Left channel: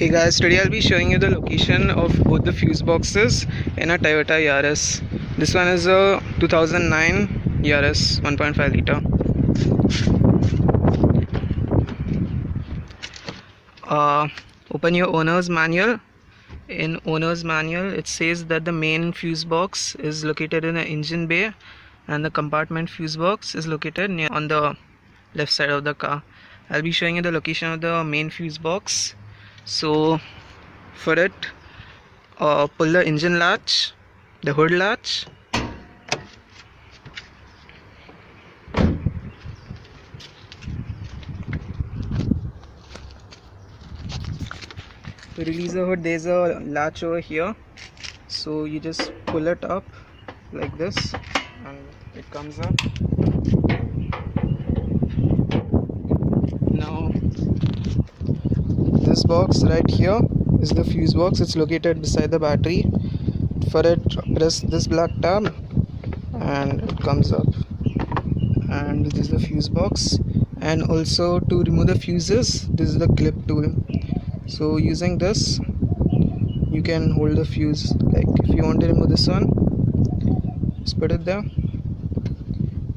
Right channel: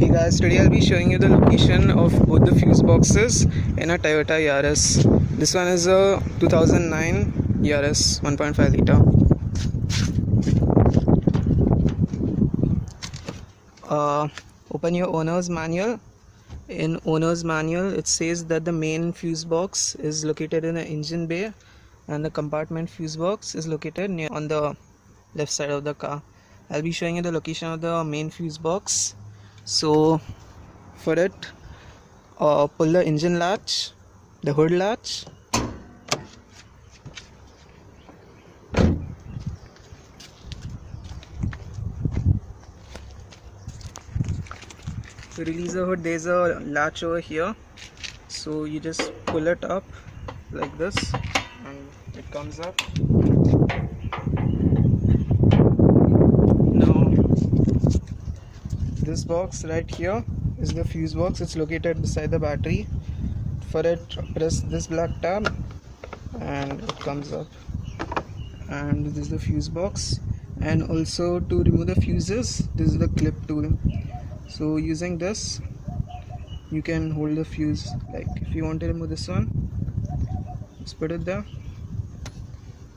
Hey guys, today I'll be showing you the location of both the fuse boxes in a Toyota Yaris. This one is a 2009 Yaris 1.5 liter. Open your owner's manual. In owner's manual it says that the main fuse box is located in the engine bay and the compartment fuse box is located near on the left side of the car. I'll be showing you the location of the main fuse box. So for it, pull the engine latch, the hood latch, to release the hood there's a latch over here, so you just pull it up like this and it comes up. Now this box right here is the fuse box. It's located beside the battery. For it, press this black tab and it comes up, and this is the fuse box. And also to remove the fuses, this is the clip tool. So using this you can hold the fuse. Like if you want to remove this one, just put it there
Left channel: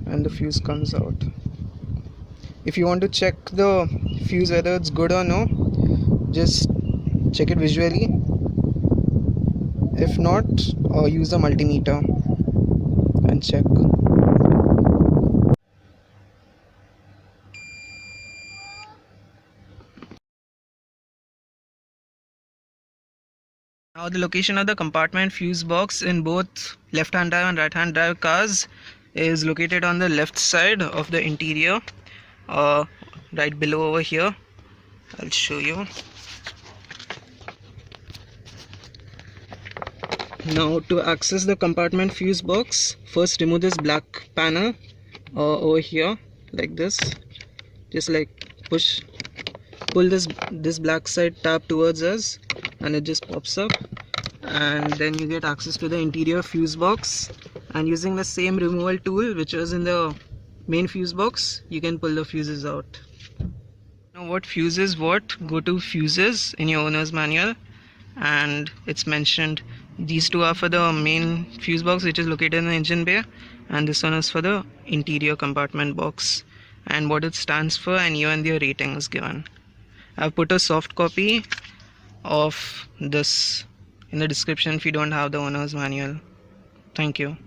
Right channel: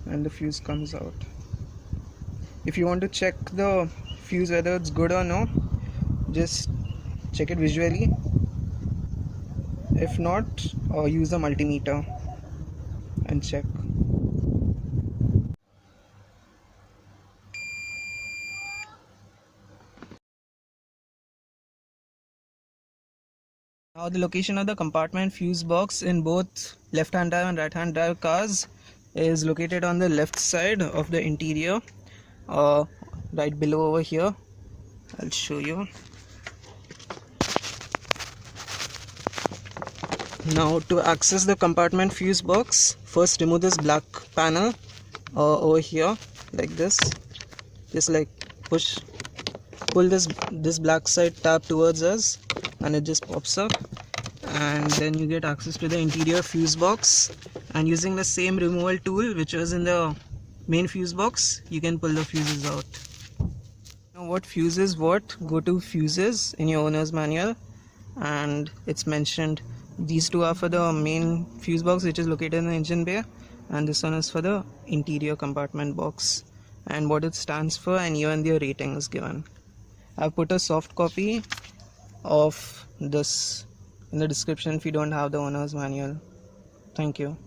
and the fuse comes out. If you want to check the fuse whether it's good or no, just check it visually. If not, use the multimeter and check. Now the location of the compartment fuse box in both left hand drive and right hand drive cars is located on the left side of the interior, right below over here. I'll show you. Now to access the compartment fuse box, first remove this black panel over here like this. Just like pull this black side tab towards us and it just pops up, and then you get access to the interior fuse box. And using the same removal tool which was in the main fuse box, you can pull the fuses out. Now what fuse is what? Go to fuses in your owner's manual and it's mentioned these two are for the main fuse box which is located in the engine bay, and this one is for the interior compartment box, and what it stands for and even their rating is given. I've put a soft copy of this in the description if you don't have the owner's manual. Thank you.